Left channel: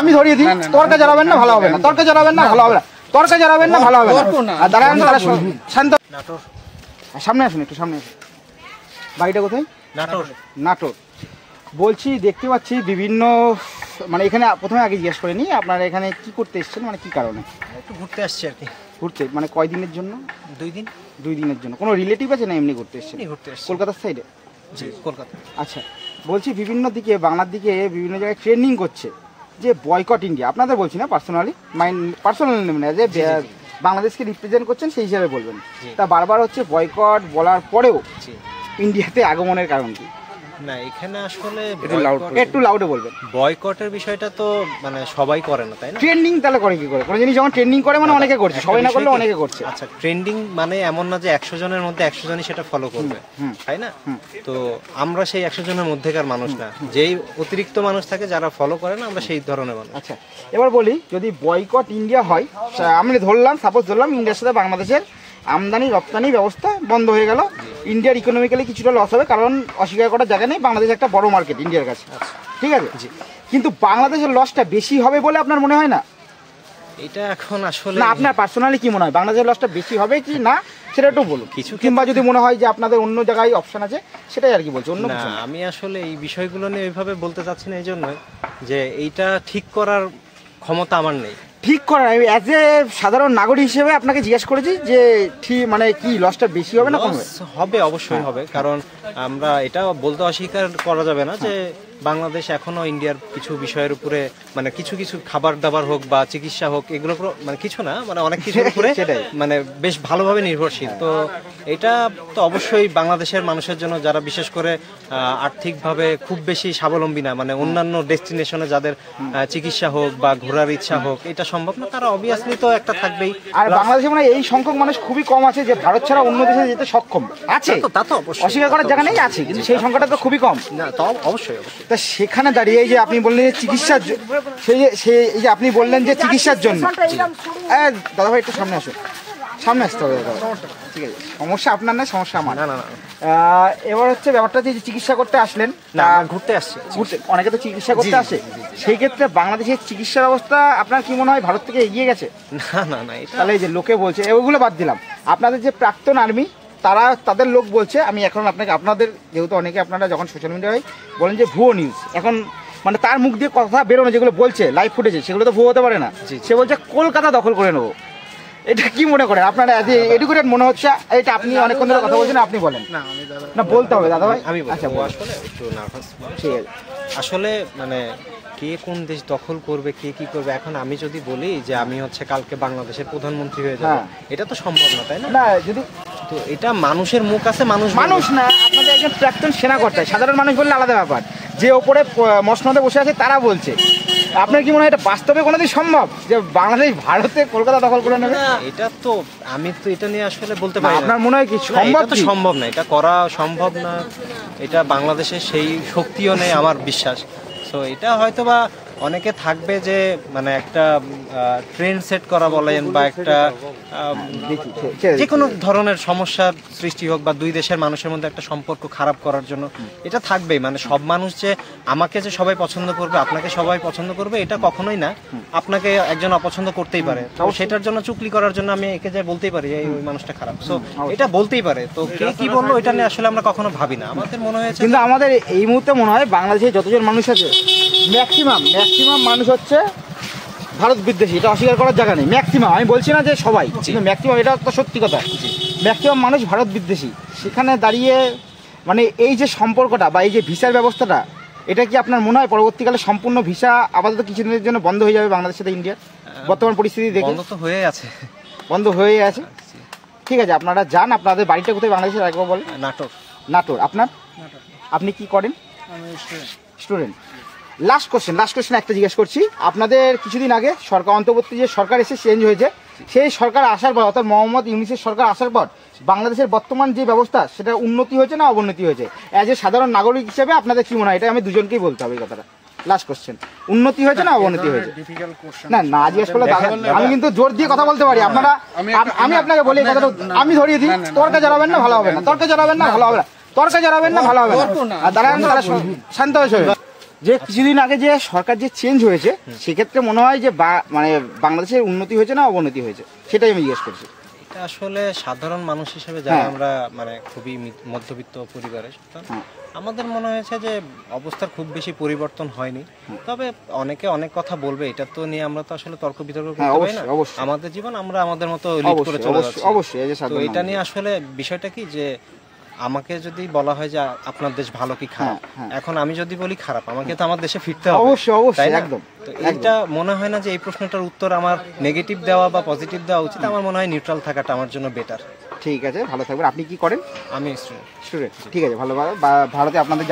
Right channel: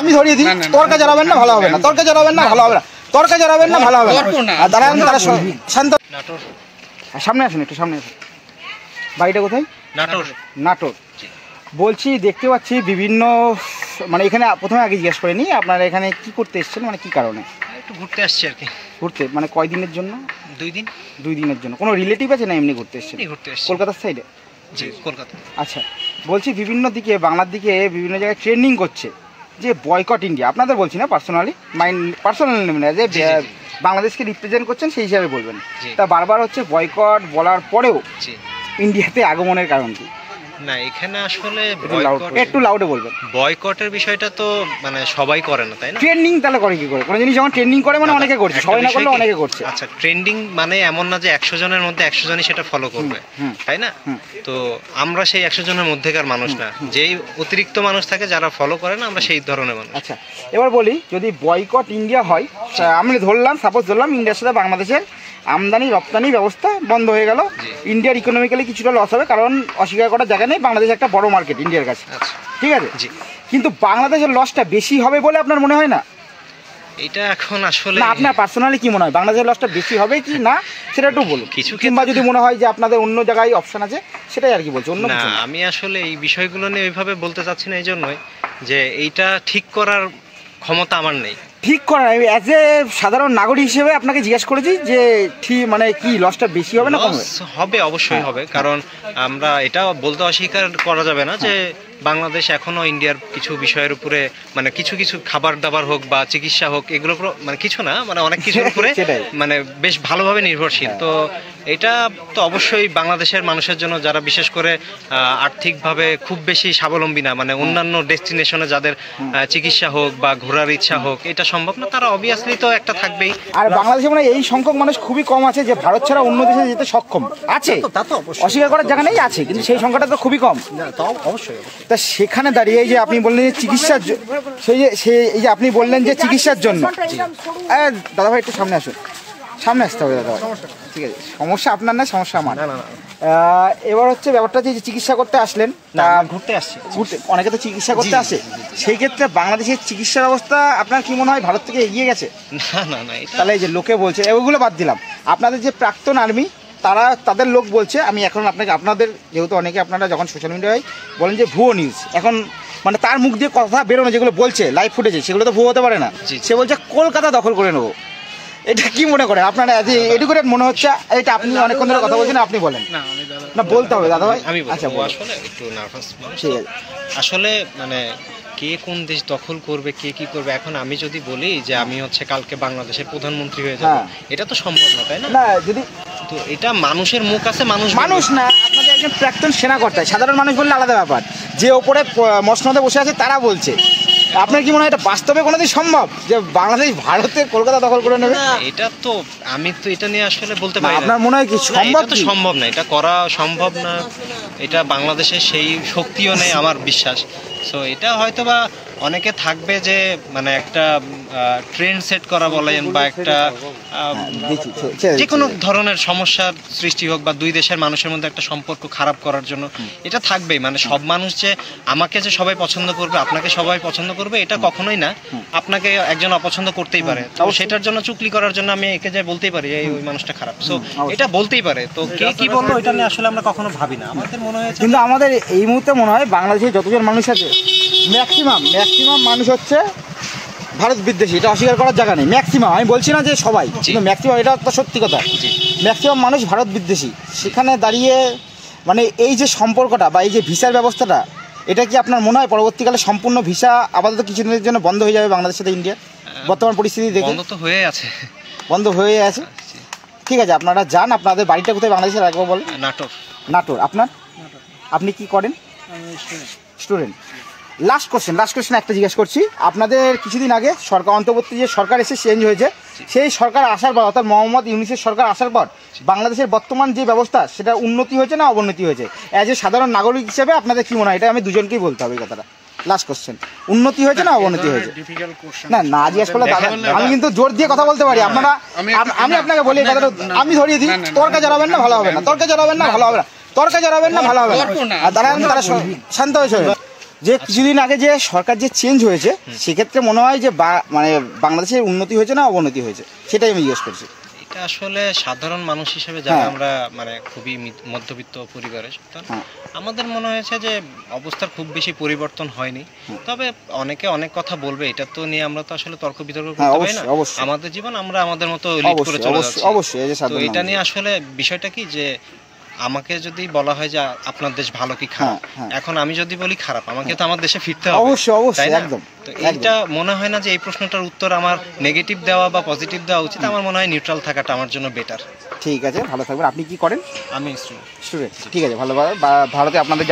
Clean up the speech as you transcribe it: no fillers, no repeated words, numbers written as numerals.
আমি ধরিয়ে দিই, তর্কে জড়াবেন না, ভালো হবে না। তর্কে জড়াবেন না, ভালো হবে না। তর্কে জড়াবেন না, ভালো হবে না। দাঁড়ান, শান্ত। নাটোর, সামনে আসুন, একটু সামনে আসুন। বাড়িটা কোথায়? নাটোর। নাটোর। বলছি, দেখতে পাচ্ছি বিভিন্ন, মানে এখানে প্রথমে আগে জিজ্ঞেস করে নিই, আপনারা এখানে কি করতে এসেছেন, মানে কি কারণে? একটু ঘুরতে আসছি আর কি। ঘুরতে মানে কয়দিনের জন্য? 2 দিন। 2 দিনের জন্য। কোনো রিলেটিভ আছে না এমনি ঘুরতে এসেছেন? ঘুরতে আসছি কলকাতার সাইডে? জি, কলকাতা। আচ্ছা, বলছি বিভিন্ন দিকে, বাংলার দিকে বিভিন্ন জায়গায় ট্রেন্ডিং করছে যে বয়কট ইন্ডিয়া। আপনাদের বলছি না, পার্সোনালি নেবেন, যে বাংলাদেশকে রিপ্রেজেন্ট করছেন সেই হিসাবে বলবেন। তা বারবার হচ্ছে বয়কট বলার পরেও ইন্ডিয়াতে আগমনের কারণ কি? না, এখানে আসলে একটু লাউডে বলবেন। বয়কটের বিষয়টা তো মানে সবাই করে না, তাই না? ট্রেন্ডিং তাহলে করে কি করে? কোনো জিনিস যখন ট্রেন্ডিং করে মানে অনেকে করছে, সবাই না করলে অনেকে করছে। আচ্ছা, ট্রেন্ডিং মানে এমন না যে 100 জনের মধ্যে 100 জনই সেটা ফলো করবে, তাই না? তো আমরা সেই 100 জনের মধ্যেকার মানুষ না, যেই অতিরিক্ত মানুষ থাকে যারা ফলো করে না, আমরা সেই ধরনের মানুষ। আচ্ছা, এবার বলি, যদি বয়কট ইন্ডিয়া হয়, আমি ধরলাম, সাপোজ ধরলাম ইন্ডিয়ার সাথে বাংলাদেশের আমদানি রপ্তানি ব্যবস্থা বন্ধ হয়ে গেল, ইন্ডিয়ার ইকোনমিক্যালি কিছুটা লস হবে, কারণ অস্বীকার করার জায়গা নেই, বাংলাদেশ একটা বড় মার্কেট ইন্ডিয়ার কাছে, ঠিক আছে? কিন্তু বাংলাদেশের লসটা বেশি হবে বলে আপনার মনে হয় না? এটা এখন আসলে আপনার পার্সোনালি কি মনে হয়, বাংলাদেশের লসটা বেশি হবে কি না সেটা একটু বলুন। কিছু কিংবা যদি মনে হয় যে আপনাদের অন্য জায়গায় অপশন আছে, সেটাই আর কি বলছি। অন্য না, আমি আসলে এই বিষয়গুলো নিয়ে ওইভাবে বলতে চাচ্ছি না, এই জন্যই যে এইটা ঠিক করার ক্ষমতা আমার নেই। ঠিক করার, অ্যাজ এ সাধারণ নাগরিক হিসেবে আপনাকে জিজ্ঞেস করেছি যে ঠিক মানে কি লসটা বেশি হবে না কম হবে? অবশ্যই হবে, কারণ আমরা এটা বলতে অস্বীকার করা যাবে না যে বাংলাদেশ এখনো ইন্ডিয়ার কিছু বিষয়ের উপরে, মানে কিছু কিছু খাবার দাবার হোক বা চিকিৎসা হোক, এগুলোর উপর, মানে কিছু না, মানে অনেক কিছুর উপরে মানে বেশ ভালোভাবে নির্ভরশীল। তো এটা তো অবশ্যই বাংলাদেশের মানুষের জন্য, যারা বিশেষ করে আর্থিকভাবে খুব বেশি স্বাবলম্বী না, মানে অন্যান্য ডেস্টিনেশনে যাদের চিকিৎসা হোক বা ঘোরার ইচ্ছা হোক, এটা সম্ভব না, তারা অবভিয়াসলি তো একটা থাকবেই। আর বাংলাদেশে মানে এই সংখ্যক মানুষ খুবই কম আছে যে ভারত ছাড়া অন্য দেশে যেতে সক্ষম আছে, অস্বীকার করার জায়গা নেই, আছে, কিন্তু সেই সংখ্যাটা তো খুবই কম। অবশ্যই। তা সেখানে দাঁড়িয়ে যে আপনি বললেন যে চিকিৎসার, এই যে আপনি বললেন যে চিকিৎসার জন্য, দাদা ভাই একটু সামনে আসুন, সামনে আসতে হবে দাদা, ঠিক আছে? সমস্যা আপনার না, সমস্যা আমার। এবার হচ্ছে ব্যাপারটা যে চিকিৎসা করতে আসলেন, ঘুরতে আসছি, অনেকে তো চিকিৎসা করতে আসে, সেই ক্ষেত্রে বাংলাদেশের চিকিৎসা ব্যবস্থা আপনার কি মনে হয় ভারত থেকে এগিয়ে গেছে? না না না, তাহলে এই যে লোকে বলছে, ওগুলো বাদ দিলাম, আপনাদের যে প্রাক্তন আর্মি, তাদের লোক বলছে, আমি এখন আপনাদের যেহেতু অনেকে আপনারা যখন সোশ্যাল মিডিয়ায় বলেন যে ভুয়ো নিউজ, এখন মানে তার মুখ দিয়ে কথা বেরোনো যেগুলো বলছে লাইভ ফুটেজে, সেগুলো তো ভুয়ো হতে পারে না। সে বলছে কলকাতা দখল করে নেবো। এটা কি মনে করে আপনারা? এডুকেটেড মনে হচ্ছে এটা? আপনি অনেকক্ষণ ধরে কথা বলছেন, আপনি বলেন। না বলতে হবে দাদা ভাই, আমি বলছি। আসলে একটু নার্ভাস আসলে, মানে কে কোন দেশ দখল করবে, কে কি করবে, এখন আমি যদি বলি যে আমি হচ্ছে কালকে বাংলাদেশের প্রধানমন্ত্রী হয়ে যাব, এটা তো সম্ভব না, তাই না? যদি তো এটা মানুষের মুখ আছে, মানুষ না, আপনাদের একজন প্রাক্তন সেনাকর্তা, সাধারণ মানুষ বললে আলাদা ব্যাপার, যে ওপরে মসনদে বসে আছে তারা বলছে। আপনার কি মনে হয় এটা বাস্তবে কোনোদিন সম্ভব যে বাংলাদেশ ভারতে কলকাতা দখল করে নেবে? এটা তো আমি তো এটা নিয়ে আসলে বলতে পারি না। আপনার মনে হয় কি এটা তো সম্ভব না, এটা করা সম্ভব না, এটা বাংলাদেশের সেই শক্তিও নেই আমার বিশ্বাস। সো এটা হয়তো বা অনেকে থাকবে যে মানে একটা ট্রেন্ড সেট করা বলেন, বা একটা যে কোনো ধরনের সমস্যার সৃষ্টি হোক, বা দুই দেশের মানুষের মধ্যে একটা সম্পর্ক খারাপ করার জন্য এটা থাকবেই। মানে সব মানুষ যে আমাকে যে সবাই পছন্দ করবে, আপনাকে সবাই পছন্দ করবে, এটা কখনোই না। আপনাকে একজন অপছন্দ করতেই পারে, তো সেটার জন্য চুগলি করার জন্য আমি একে যে বলতেই পারি যে ওই মানুষটা খারাপ, সো এটা বলতেই পারে। তো কে কি বললো এটা নিয়ে আসলে আমরা কখনো ভাবি না। আমাদের মনে হয়েছে, কিন্তু আমাদের এই মুহূর্তে মনে হয় বাংলাদেশে যতজন মানুষ আছে ম্যাক্সিমাম মানুষ হচ্ছে ভারত বিদ্বেষী, এটা অস্বীকার করার জায়গা নেই। ম্যাক্সিমাম, আমি বলছি না যে সবাই, কিন্তু ম্যাক্সিমাম, এটা তো সত্যি কথা, ম্যাক্সিমাম মানুষ ভারত বিদ্বেষী। সেখানে দাঁড়িয়ে মানে এই যে সম্পর্কটা বা এই যে ভিসার ব্যবস্থাটা, এটা কি আপনার মনে হয় পরবর্তীকালে সম্পূর্ণ ভিসা আপাতত কিছুদিনের জন্য বন্ধ হয়ে যাবে বাংলাদেশের সাথে ইন্ডিয়া? বর্তমান পরিস্থিতি দেখে বন্ধ তো হয়ে আছে, বন্ধ হয়ে আছে। ঠিক আছে, আপনারা যান। আপনাদের বাড়িটা কোথায় বাংলাদেশের একবার বলেন? নাটোর। আপনার? আপনি কি করেন? স্টুডেন্ট। লাস্ট কোশ্চেন একটা জিজ্ঞেস করছি। আপনাদের কিছুদিন আগে সরকার, অন্তর্বর্তী যে সরকার এসে চেঞ্জ হয়েছে, সেই সরকার আসার পর, অর্থাৎ মোহাম্মদ ইউনূসের সরকার আসার পর বাংলাদেশের বর্তমান যে ব্যবস্থা, সেটা উন্নতি হয়েছে না অবনতি হয়েছে? অ্যাজ এ সাধারণ নাগরিক হিসেবে আপনাদের কি মনে হয়? এটা আমি দুজনকেই বলতে হবে এই কথাটা। লাস্ট কোশ্চেন, উন্নতি হয়েছে না অবনতি হয়েছে? না জিজ্ঞেস করলে আমি কিন্তু জোর দিয়ে কথা বলতে পারি। আপনারা, আমি আপনাকে বলি কথাটা, আমি ধরিয়ে দিই, তর্কে জড়াবেন না, ভালো হবে না। তর্কে জড়াবেন না, ভালো হবে না। তর্কে জড়াবেন না, ভালো হবে না। দাঁড়ান, শান্ত হয়েছে। যে কিছুদিন আগে যে সরকার যে চেঞ্জ হয়েছে সেক্ষেত্রে মনে হয় যে মানে বাংলাদেশের উন্নতি হয়েছে না অবনতি হয়েছে, সেটাই আমি জিজ্ঞেস করছি। এটা আসলে সাধারণ মানুষ হিসেবে যারা আমরা মানে খুবই মধ্যবিত্ত পরিবারের, আমাদের মনে হয়েছে যে অবস্থার খুব বেশি পরিবর্তন হয়নি। তবে অনেকে অনেক কথা বলবে, এটা তো নিয়ে আমরা তো আসলে তর্ক বিতর্ক করতে পারি না। আমাদের জীবন আমরা আমাদের মতো লিড করে চলে যাচ্ছি। তো এটা নিয়ে আসলে বিষয়টা কি যে আমাকে যদি বলা হয় যে আপনার দেশ ভালো কি খারাপ, এখন আমি যদি বলি খারাপ, আমাকে তো আমার দেশে ফিরতে হবে, তাই না? তো এইটা মনে হয় না যে এই প্রশ্নটার উত্তর আমার নেগেটিভ দেওয়া বা পজিটিভ দেওয়া উচিত। আমার মনে হয় নিউট্রাল থাকাটা আমার জন্য বেটার। ঠিক আছে, ভালো থাকবেন। আপনি কি করেন? আমি স্টুডেন্ট। ঠিক আছে, ভালোভাবে ভারতে আপনাদের